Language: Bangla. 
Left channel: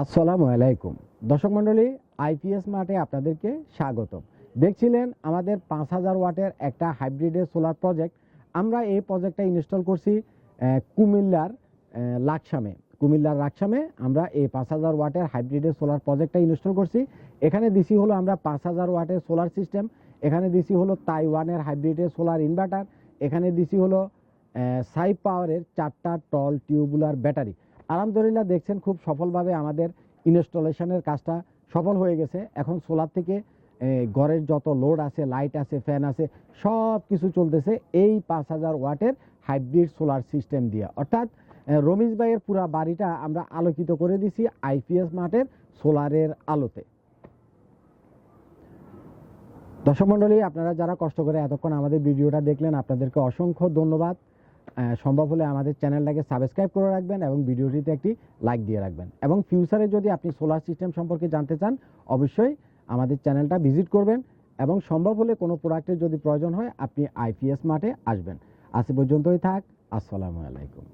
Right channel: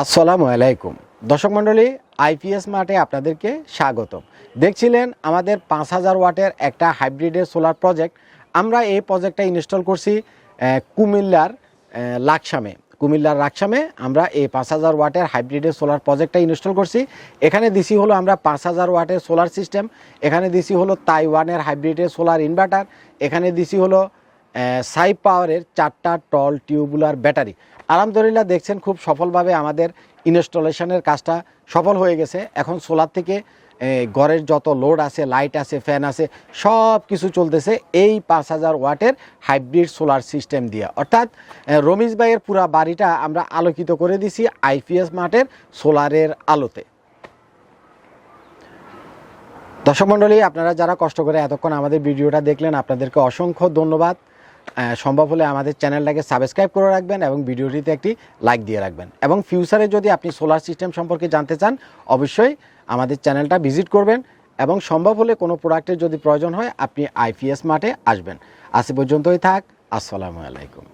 আসসালামু আলাইকুম দর্শক মণ্ডলী, আইপিএস মাঠে আপনাদেরকে স্বাগতম। দেখছিলেন আমাদের 5000 ওয়াটের একটা হাইব্রিডের সোলার প্রজেক্ট। আমরা এই প্রজেক্টটা ইনস্টল করছি কুমিল্লার রাকসামে আমরা এই 5000 ওয়াটের হাইব্রিডের সোলার প্রজেক্টটা ইনস্টল করছি। এখানে দিছি হলো আমরা 5000 ওয়াটের সোলার সিস্টেম, এখানে দিছি হলো তাইওয়ানের হাইব্রিডের সোলার ইনভার্টার, এখানে দিছি হলো সাই পাওয়ারের 4টা টল টিউবুলার ব্যাটারি। আলহামদুলিল্লাহ দেখছেন খুব সফলভাবে আমাদের ইনস্টলেশনের কাজটা সফল হয়ে গেছে। এখন সোলার থেকে ঘরের যত লোড আছে, লাইট আছে, ফ্যান আছে, সব কিছু চলতেছে এই 5000 ওয়াটের হাইব্রিড সোলার সিস্টেম দিয়ে। অর্থাৎ রমিজ ভাইয়ের পুরা বাড়িটা আমরা আলোকিত করে দিছি আইপিএস মাঠের সোলারের আলোতে। দর্শক মণ্ডলী, আপনারা যারা কষ্ট করে এতক্ষণ আমাদের ভিডিওটা দেখলেন, আপনাদেরকে অসংখ্য ধন্যবাদ। সম্ভব হলে আমাদের চ্যানেলটাকে সাবস্ক্রাইব করে রাখবেন এবং ভিডিওটিতে একটি লাইক দিয়ে রাখবেন। এবং ফিউচারে যদি আপনি সোলার সিস্টেম সম্পর্কে জানতে চান, অবশ্যই আমাদের চ্যানেলটা ভিজিট করবেন এবং সম্ভব হলে কোনো প্রোডাক্টের যদি প্রয়োজন হয় আপনি আইপিএস মাঠে আসবেন। আজ পর্যন্তই থাক। আসসালামু আলাইকুম।